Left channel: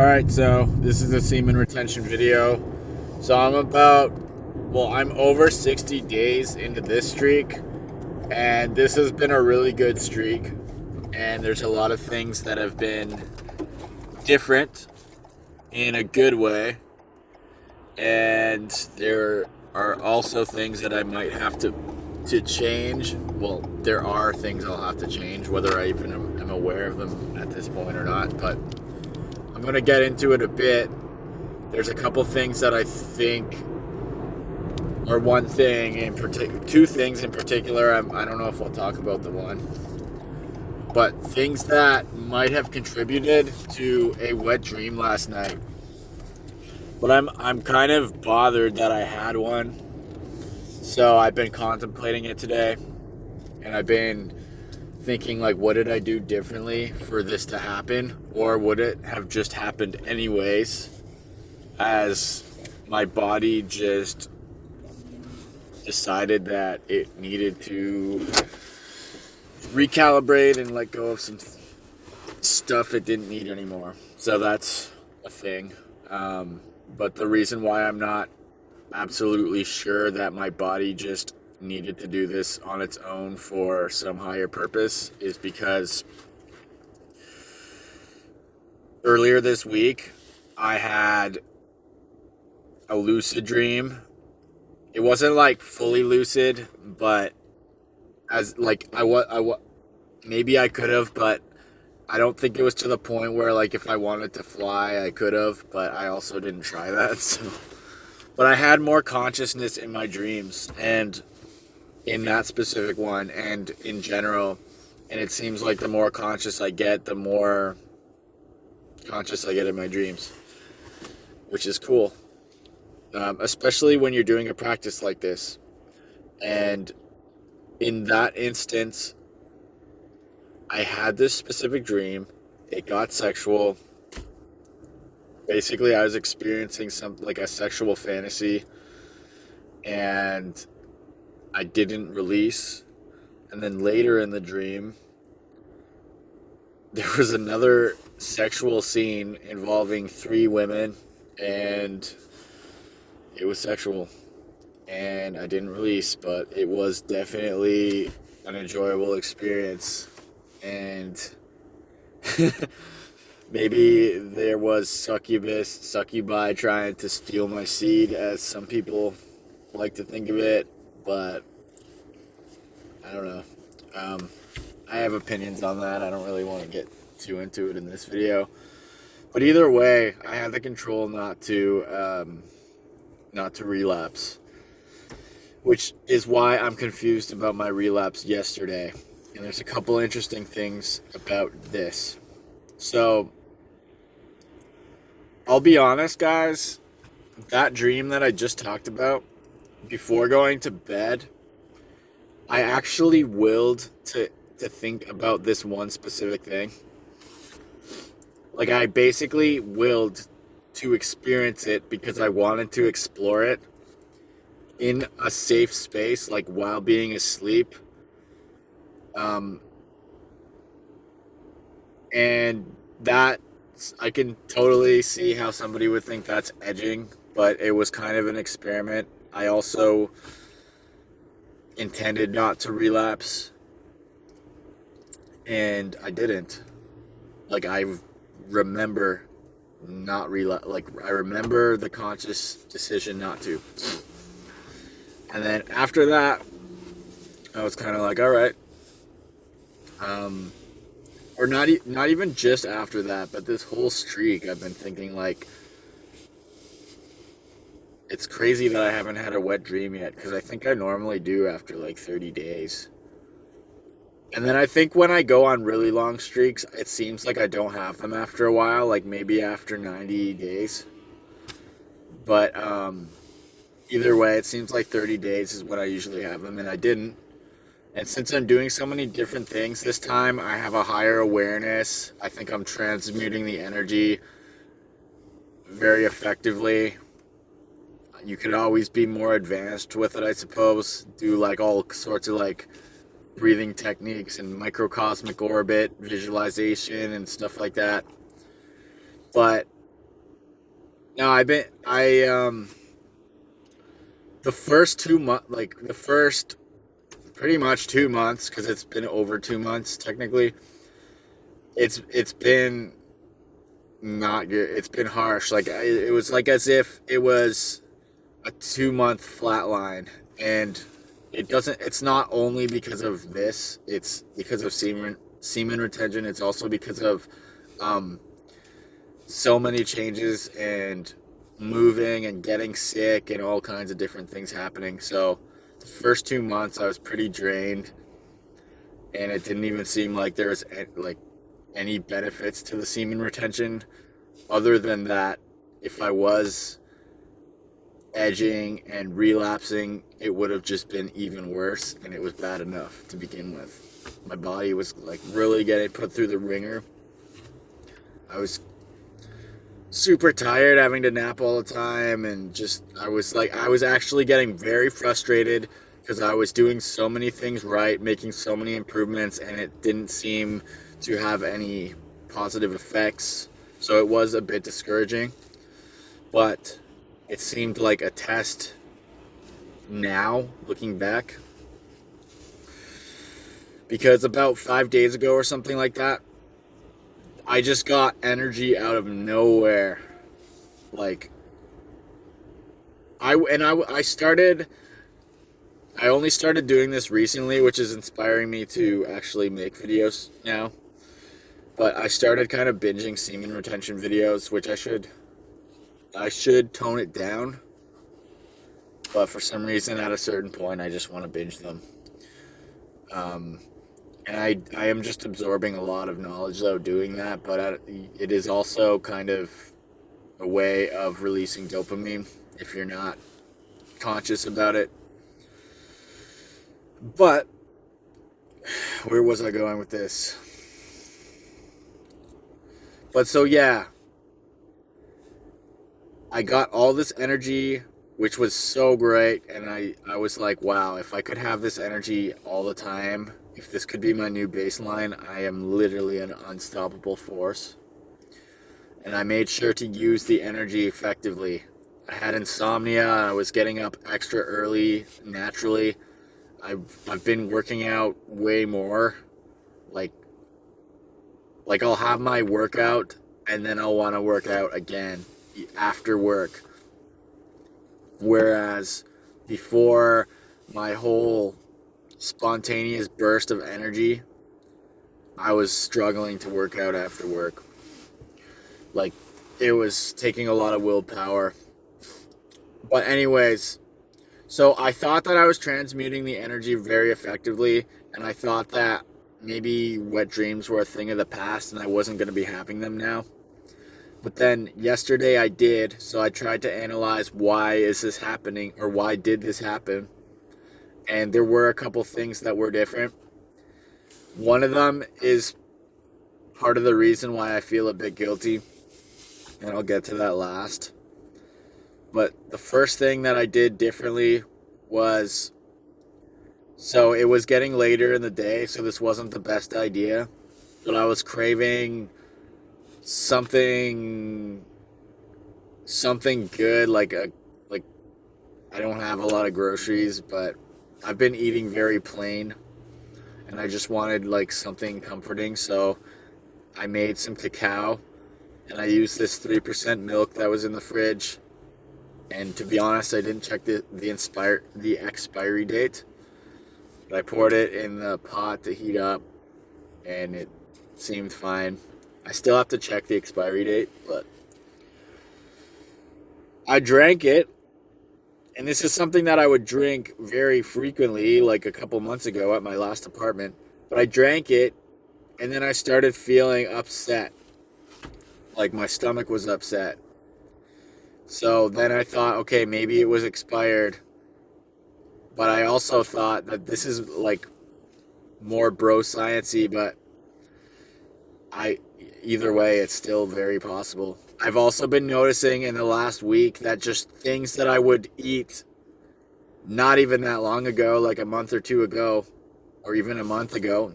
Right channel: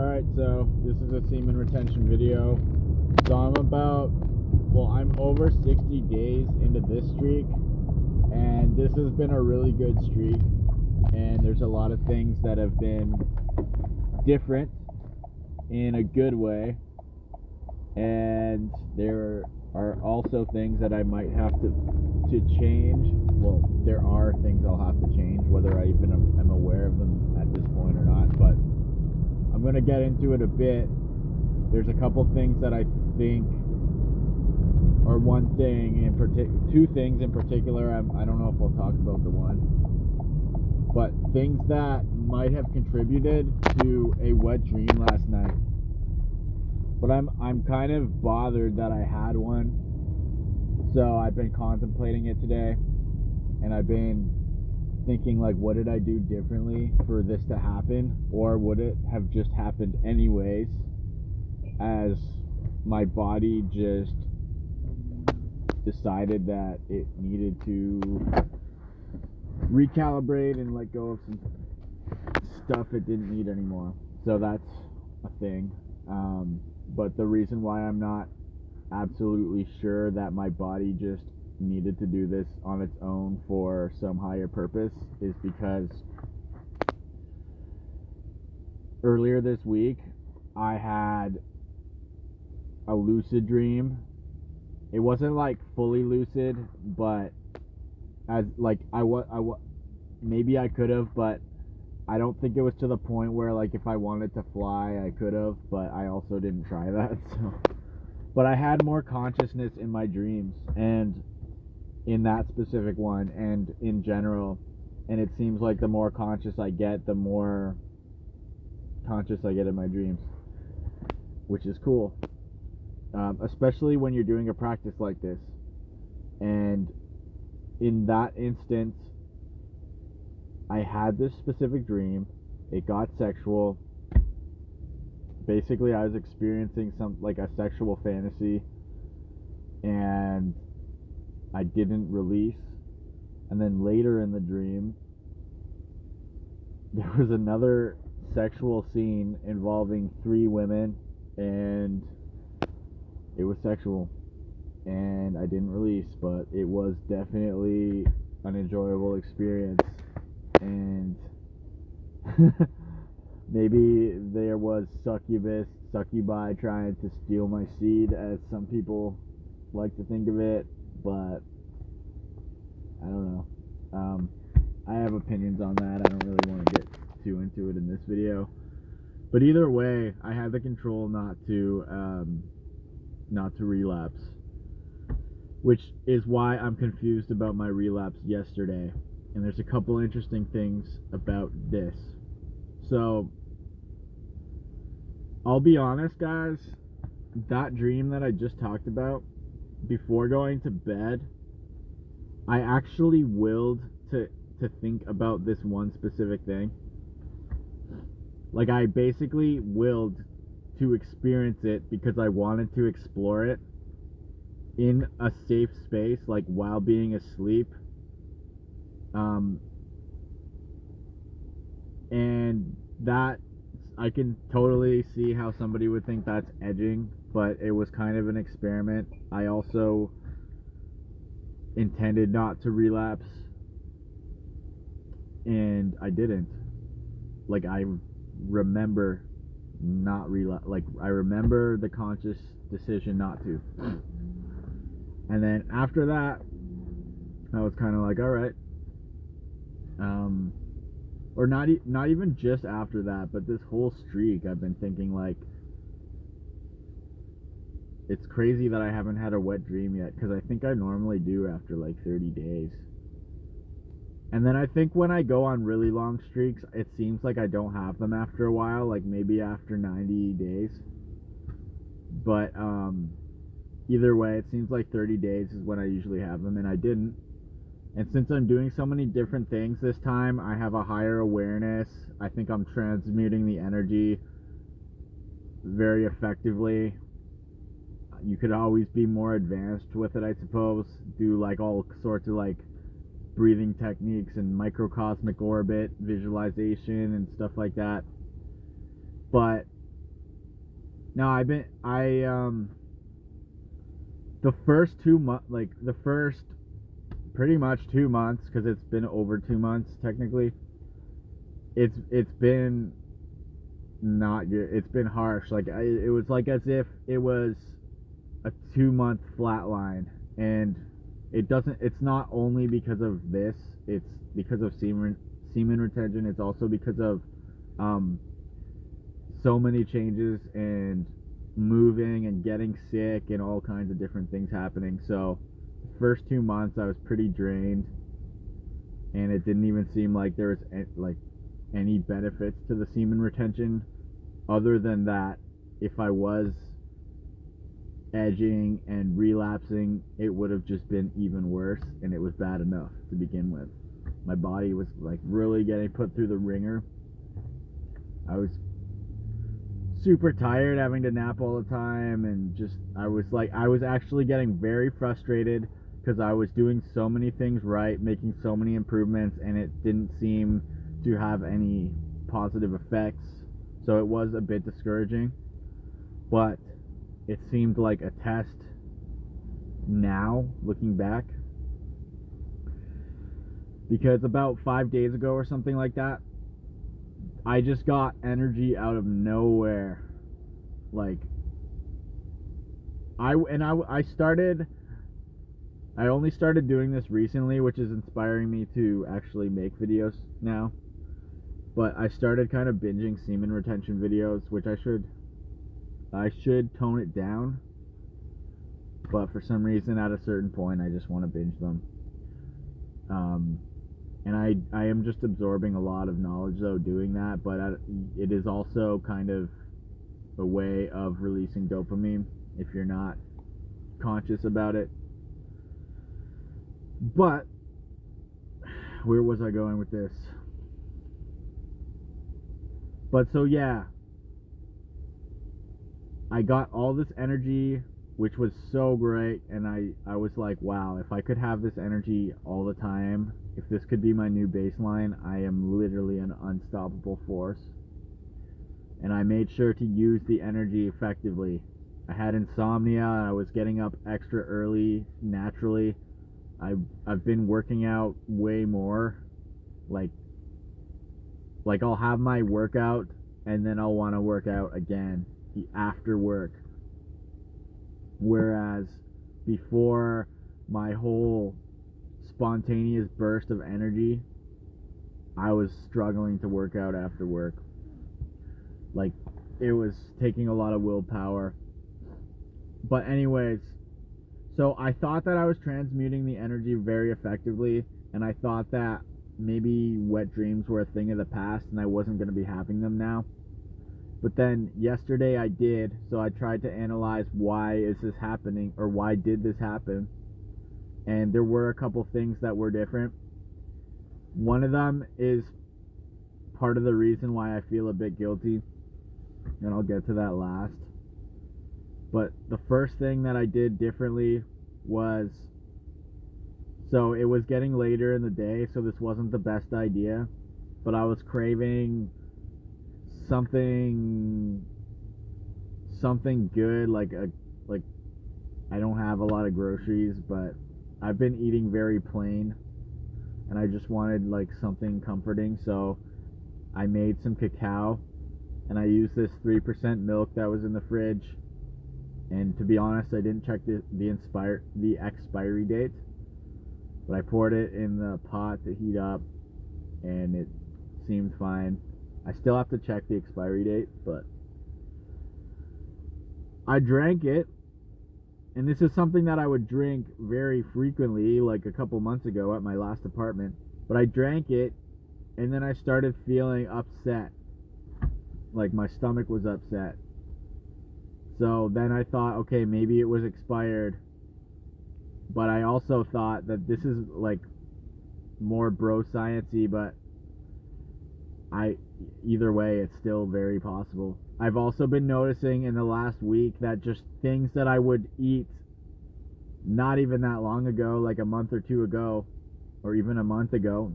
Alright, so this is a semen retention video. So I'm over 60 days into this streak, and this has been a really good streak, and there's a lot of things that have been different in a good way, and there are also things that I might have to change. Well, there are things I'll have to change, whether I even am aware of them at this point or not, but I'm going to get into it a bit. There's a couple things that I think, or one thing in particular, two things in particular. I don't know if I'll talk about the one, but things that might have contributed to a wet dream last night. But I'm kind of bothered that I had one. So I've been contemplating it today, and I've been thinking, like, what did I do differently for this to happen, or would it have just happened anyways, as my body just decided that it needed to recalibrate and let go of some stuff it didn't need anymore. So that's a thing. But the reason why I'm not absolutely sure that my body just needed to do this on its own for some higher purpose is because earlier this week I had a lucid dream. It wasn't like fully lucid, but as like maybe I could have, but I don't think it was to the point where, like, if I wanted to fly I could have, but I also didn't try that. So but I had more consciousness in my dreams, and in that specific one, and in general. And it seems like the more conscious I get, the more conscious I get in my dreams, which is cool. Especially when you're doing a practice like this. And in that instance, I had this specific dream. It got sexual. Basically, I was experiencing a sexual fantasy, and I didn't release. And then later in the dream, there was another sexual scene involving 3 women, and it was sexual, and I didn't release, but it was definitely an enjoyable experience. And maybe there was succubi trying to steal my seed, as some people like to think of it, but I don't know. I have opinions on that. I don't really want to get too into it in this video. But either way, I have the control not to relapse, which is why I'm confused about my relapse yesterday. And there's a couple interesting things about this. So I'll be honest, guys, that dream that I just talked about, before going to bed, I actually willed to think about this one specific thing. Like, I basically willed to experience it because I wanted to explore it in a safe space, like while being asleep. And that, I can totally see how somebody would think that's edging, but it was kind of an experiment. I also intended not to relapse, and I didn't. Like, I remember not relapse. Like, I remember the conscious decision not to. And then after that, I was kind of like, all right. Or not even just after that, but this whole streak, I've been thinking, like, it's crazy that I haven't had a wet dream yet, because I think I normally do after like 30 days. And then I think when I go on really long streaks, it seems like I don't have them after a while, like maybe after 90 days. But either way, it seems like 30 days is when I usually have them, and I didn't. And since I'm doing so many different things this time, I have a higher awareness. I think I'm transmuting the energy very effectively. You could always be more advanced with it, I suppose. Do like all sorts of like breathing techniques and microcosmic orbit visualization and stuff like that. But No, the first 2 months, like the first pretty much 2 months, because it's been over 2 months technically. It's been not good. It's been harsh. Like it was like as if it was a 2 month flat line, and it doesn't. It's not only because of this. It's because of semen retention. It's also because of so many changes and moving and getting sick and all kinds of different things happening. So the first 2 months I was pretty drained, and it didn't even seem like there was like any benefits to the semen retention, other than that if I was edging and relapsing, it would have just been even worse, and it was bad enough to begin with. My body was like really getting put through the ringer. I was super tired, having to nap all the time, and just I was actually getting very frustrated because I was doing so many things right, making so many improvements, and it didn't seem to have any positive effects. So it was a bit discouraging, but it seemed like a test now, looking back, because about 5 days ago or something like that, I just got energy out of nowhere. Like I only started doing this recently, which is inspiring me to actually make videos now. But I started kind of binging semen retention videos, which I should tone it down. But for some reason, at a certain point, I just want to binge them. And I am just absorbing a lot of knowledge, though, doing that. But it is also kind of a way of releasing dopamine if you're not conscious about it. But where was I going with this? But so yeah, I got all this energy, which was so great, and I was like, wow, if I could have this energy all the time, if this could be my new baseline, I am literally an unstoppable force. And I made sure to use the energy effectively. I had insomnia, I was getting up extra early naturally. I've been working out way more. Like I'll have my workout and then I'll want to work out again after work. Whereas before, my whole spontaneous burst of energy, I was struggling to work out after work. Like, it was taking a lot of willpower. But anyways, so I thought that I was transmuting the energy very effectively, and I thought that maybe wet dreams were a thing of the past and I wasn't going to be having them now. But then yesterday I did, so I tried to analyze why is this happening, or why did this happen? And there were a couple things that were different. One of them is part of the reason why I feel a bit guilty, and I'll get to that last. But the first thing that I did differently was, so it was getting later in the day, so this wasn't the best idea, but I was craving something good, like I don't have a lot of groceries, but I've been eating very plain, and I just wanted like something comforting, so I made some cacao, and I used this 3% milk that was in the fridge. And to be honest, I didn't check the expiry date, but I poured it in the pot to heat up, and it seemed fine. I still have to check the expiry date, but I drank it, and this is something that I would drink very frequently, like a couple months ago at my last apartment, but I drank it, and then I started feeling upset, like my stomach was upset. So then I thought, okay, maybe it was expired, but I also thought that this is like more bro science-y, but either way, it's still very possible. I've also been noticing in the last week that just things that I would eat not even that long ago, like a month or two ago, or even a month ago,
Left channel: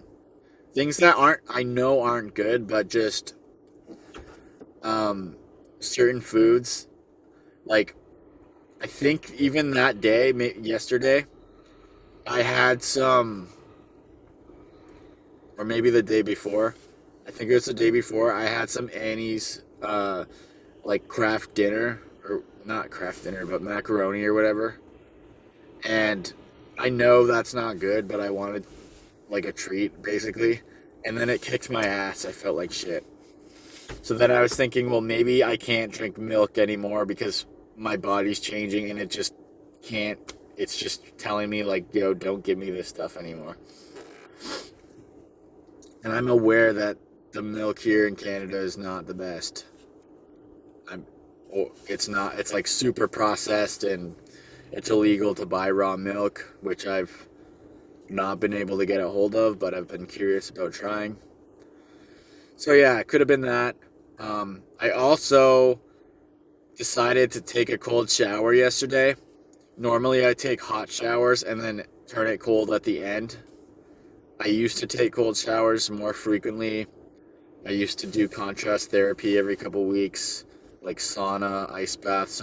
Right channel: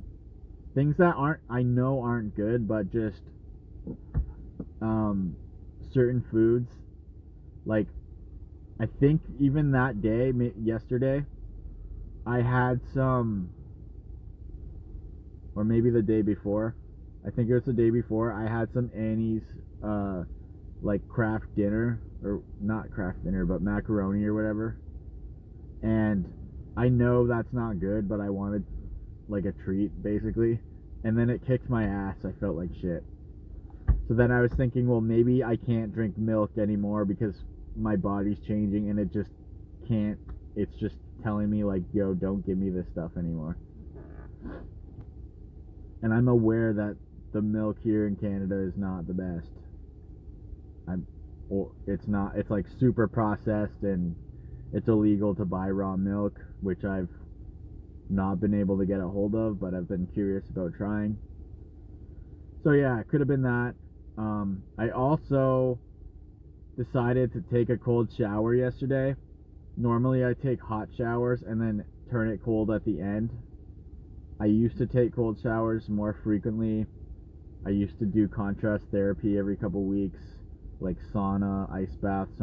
things that I know aren't good, but just certain foods Like, I think even that day, yesterday, I had some, or maybe the day before. I think it was the day before. I had some Annie's, like craft dinner, or not craft dinner, but macaroni or whatever. And I know that's not good, but I wanted like a treat, basically. And then it kicked my ass. I felt like shit. So then I was thinking, well, maybe I can't drink milk anymore because my body's changing and it just can't. It's just telling me, like, yo, don't give me this stuff anymore. And I'm aware that the milk here in Canada is not the best. It's not. It's like super processed, and it's illegal to buy raw milk, which I've not been able to get a hold of, but I've been curious about trying. So yeah, it could have been that. I also decided to take a cold shower yesterday. Normally I take hot showers and then turn it cold at the end. I used to take cold showers more frequently. I used to do contrast therapy every couple weeks, like sauna, ice bath.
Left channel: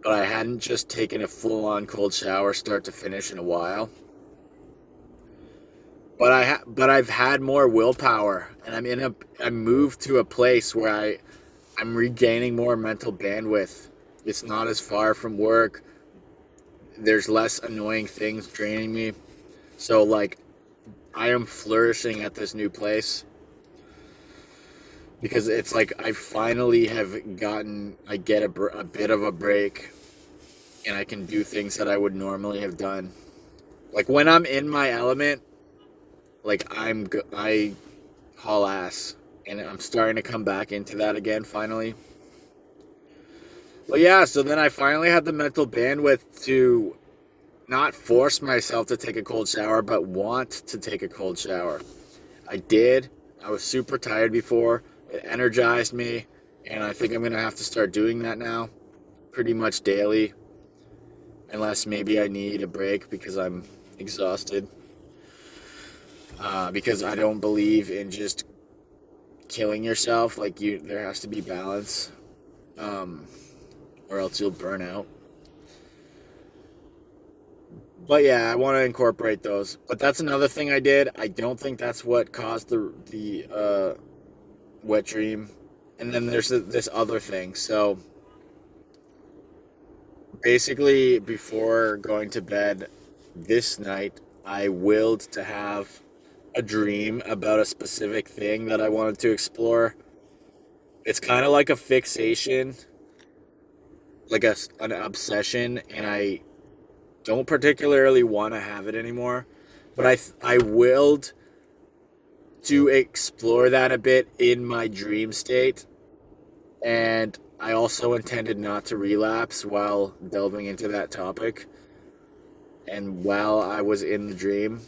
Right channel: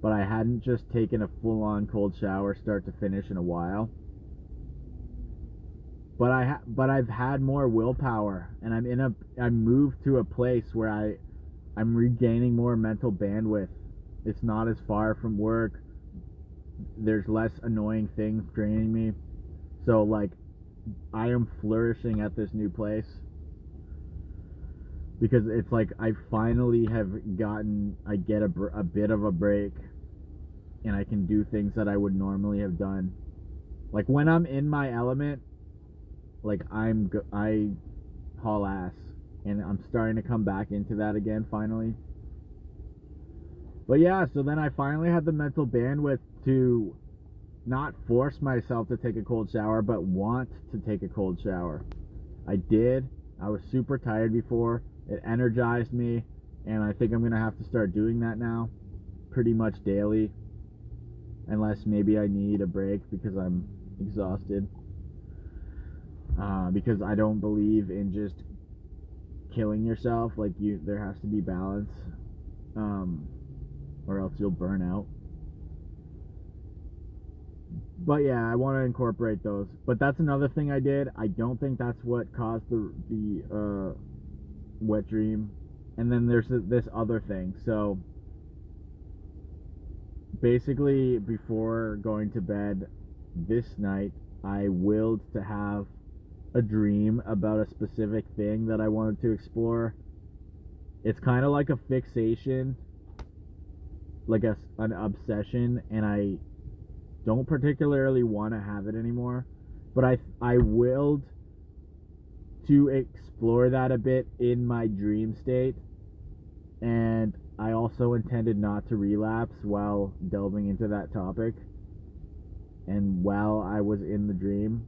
But I hadn't just taken a full-on cold shower start to finish in a while. But I've had more willpower, and I moved to a place where I'm regaining more mental bandwidth. It's not as far from work. There's less annoying things draining me. So like, I am flourishing at this new place because it's like I finally I get a bit of a break, and I can do things that I would normally have done. Like when I'm in my element, like I haul ass, and I'm starting to come back into that again finally. Well, yeah, so then I finally had the mental bandwidth to not force myself to take a cold shower, but want to take a cold shower. I did. I was super tired before. It energized me, and I think I'm going to have to start doing that now pretty much daily, unless maybe I need a break because I'm exhausted. Because I don't believe in just killing yourself. Like, there has to be balance, or else you'll burn out. But yeah, I want to incorporate those. But that's another thing I did. I don't think that's what caused the wet dream. And then there's this other thing. So basically, before going to bed this night, I willed to have a dream about a specific thing that I wanted to explore. It's kind of like a fixation, like an obsession, and I don't particularly want to have it anymore, but I willed to explore that a bit in my dream state, and I also intended not to relapse while delving into that topic. And while I was in the dream,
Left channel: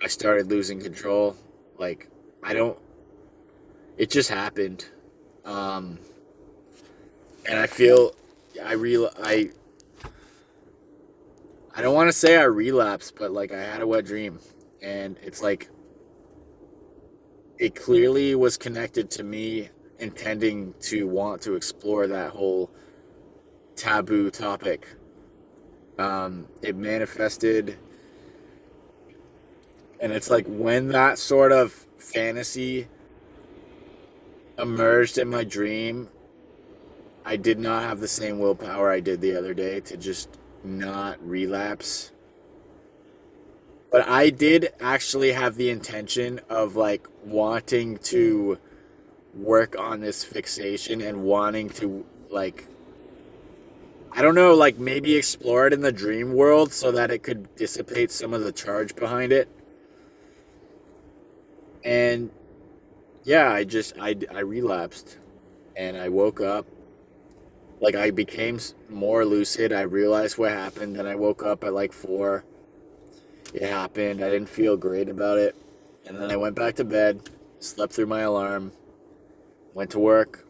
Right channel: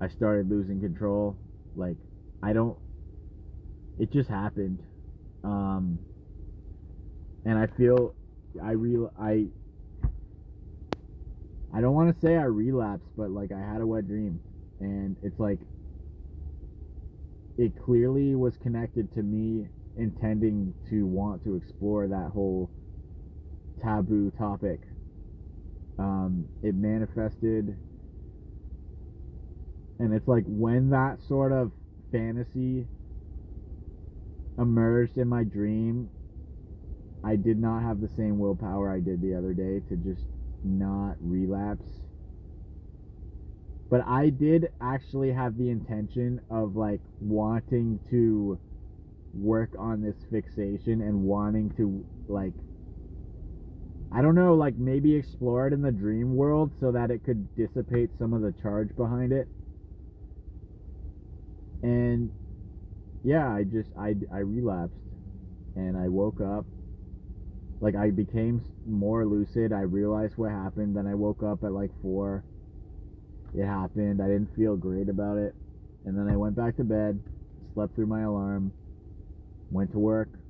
I started losing control. Like, it just happened. And I feel I don't want to say I relapsed, but like I had a wet dream, and it's like it clearly was connected to me intending to want to explore that whole taboo topic. It manifested, and it's like when that sort of fantasy emerged in my dream, I did not have the same willpower I did the other day to just not relapse. But I did actually have the intention of like wanting to work on this fixation and wanting to, like, I don't know, like maybe explore it in the dream world so that it could dissipate some of the charge behind it. And yeah, I relapsed, and I woke up. Like, I became more lucid. I realized what happened. Then I woke up at like 4. It happened. I didn't feel great about it. And then I went back to bed, slept through my alarm, went to work.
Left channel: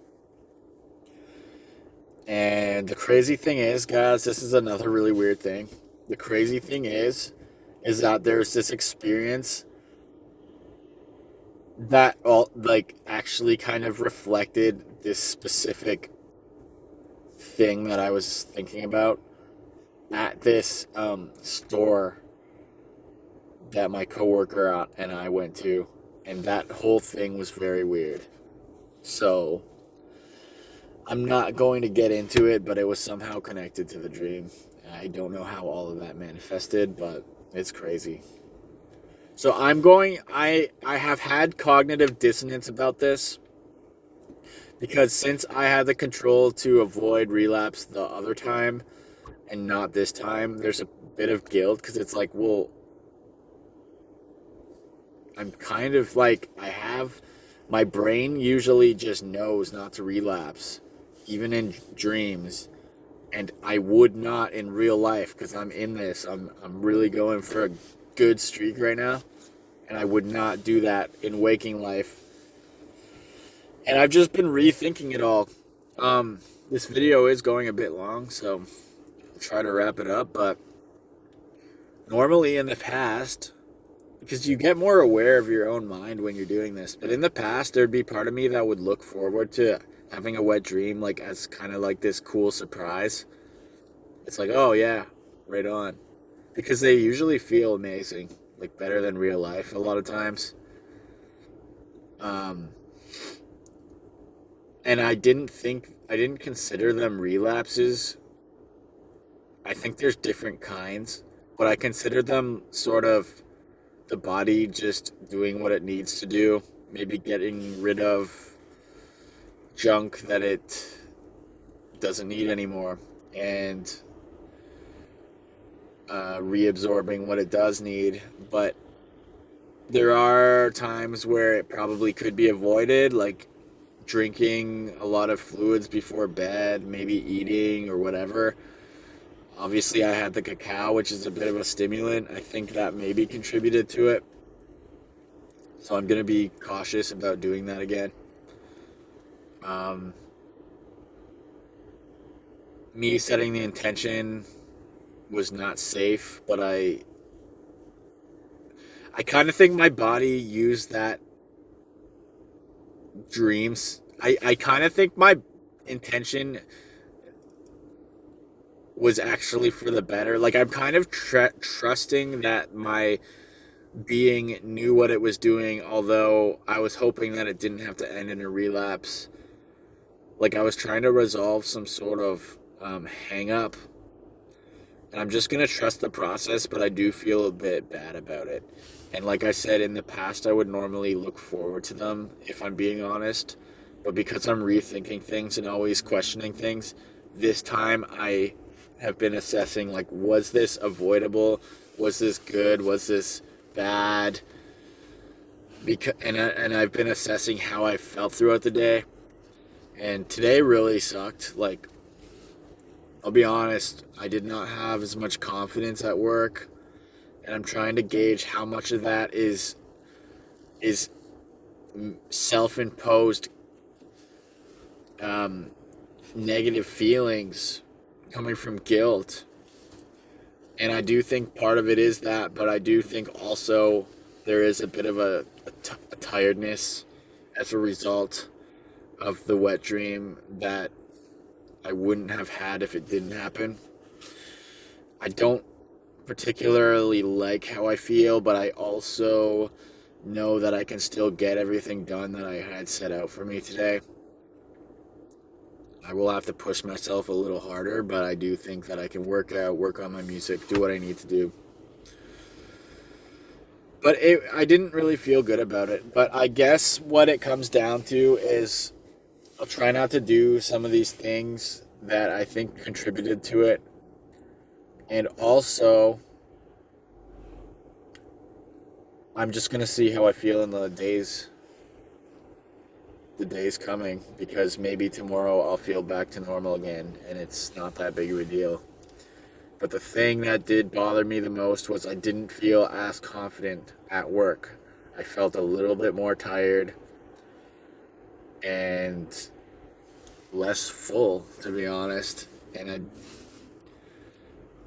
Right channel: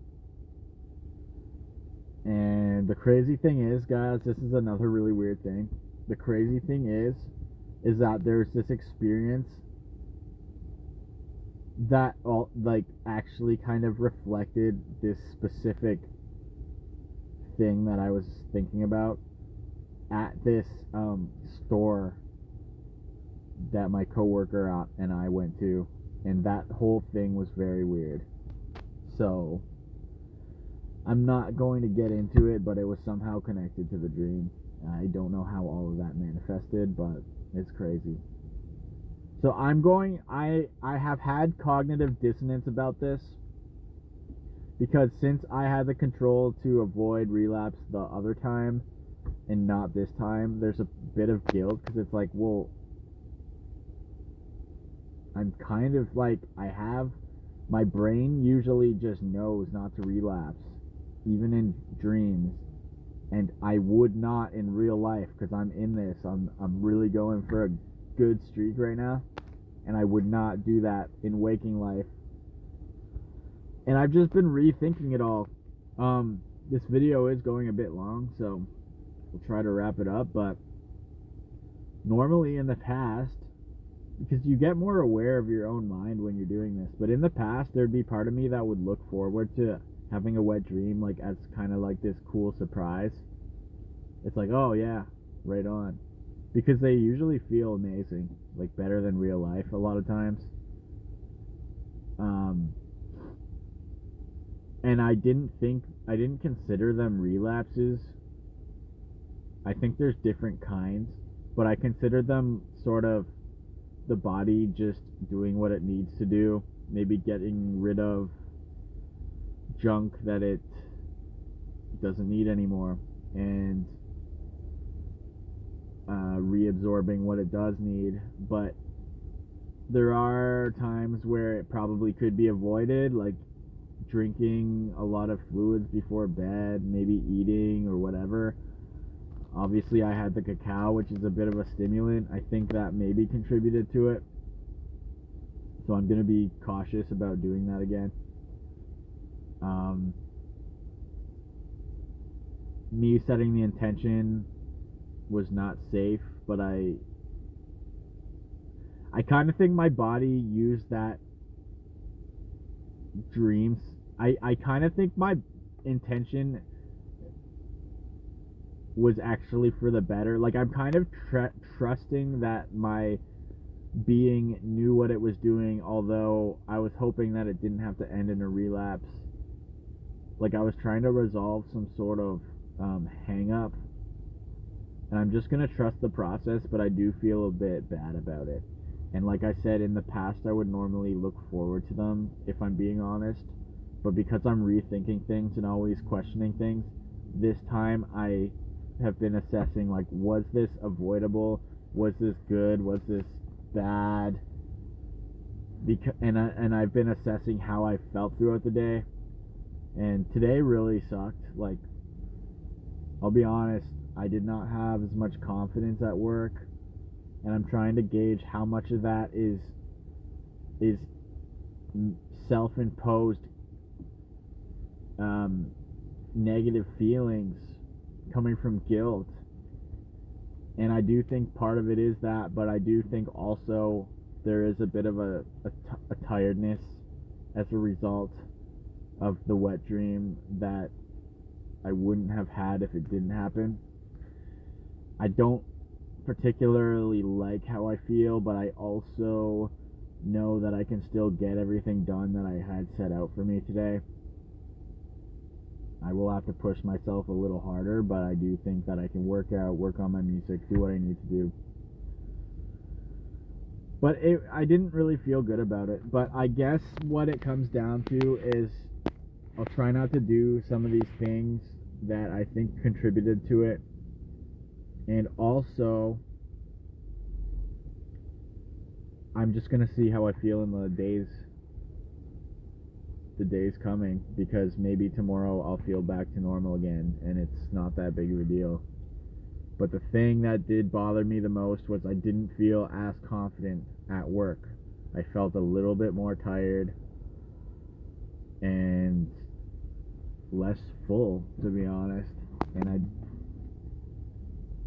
And the crazy thing is, guys, this is another really weird thing. The crazy thing is that there's this experience that all like actually kind of reflected this specific thing that I was thinking about at this store that my coworker and I went to, and that whole thing was very weird. So I'm not going to get into it, but it was somehow connected to the dream. I don't know how all of that manifested, but it's crazy. So I have had cognitive dissonance about this, because since I had the control to avoid relapse the other time and not this time, there's a bit of guilt, because it's like, well, I'm kind of like, my brain usually just knows not to relapse, even in dreams, and I would not in real life, because I'm in this. I'm really going for a good streak right now, and I would not do that in waking life. And I've just been rethinking it all. This video is going a bit long, so I'll try to wrap it up. But normally in the past, because you get more aware of your own mind when you're doing this, but in the past there'd be part of me that would look forward to having a wet dream, like as kind of like this cool surprise. It's like, oh yeah, right on, because they usually feel amazing, like better than real life a lot of times. And I didn't consider them relapses. I think there's different kinds, but I consider them sort of the body just doing what it needs to do, maybe getting rid of junk that it doesn't need anymore, and reabsorbing what it does need. But there are times where it probably could be avoided, like drinking a lot of fluids before bed, maybe eating or whatever. Obviously, I had the cacao, which is a bit of a stimulant. I think that maybe contributed to it. So I'm going to be cautious about doing that again. Me setting the intention was not safe, but I kind of think my body used that dreams. I kind of think my intention was actually for the better. Like, I'm kind of trusting that my being knew what it was doing, although I was hoping that it didn't have to end in a relapse. Like, I was trying to resolve some sort of hang up, and I'm just gonna trust the process, but I do feel a bit bad about it. And like I said, in the past I would normally look forward to them, if I'm being honest, but because I'm rethinking things and always questioning things, this time I have been assessing, like, was this avoidable? Was this good? Was this bad? And I've been assessing how I felt throughout the day, and today really sucked. Like, I'll be honest, I did not have as much confidence at work, and I'm trying to gauge how much of that is self-imposed negative feelings coming from guilt. And I do think part of it is that, but I do think also there is a bit of a tiredness as a result of the wet dream that I wouldn't have had if it didn't happen. I don't particularly like how I feel, but I also know that I can still get everything done that I had set out for me today. I will have to push myself a little harder, but I do think that I can work on my music, do what I need to do. But I didn't really feel good about it. But I guess what it comes down to is I'll try not to do some of these things that I think contributed to it. And also, I'm just going to see how I feel in the days coming, because maybe tomorrow I'll feel back to normal again, and it's not that big of a deal. But the thing that did bother me the most was I didn't feel as confident at work. I felt a little bit more tired and less full, to be honest. And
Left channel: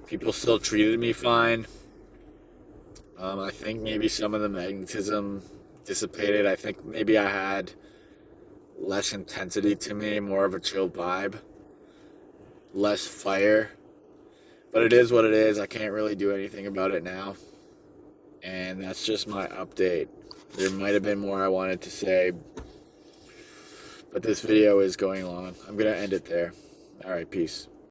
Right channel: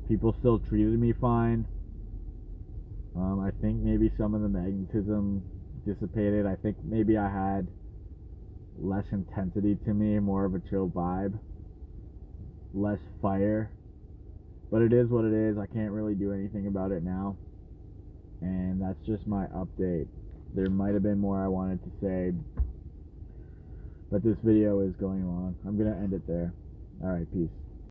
people still treated me fine. I think maybe some of the magnetism dissipated. I think maybe I had less intensity to me, more of a chill vibe, less fire. But it is what it is. I can't really do anything about it now. And that's just my update. There might have been more I wanted to say, but this video is going long. I'm going to end it there. All right, peace.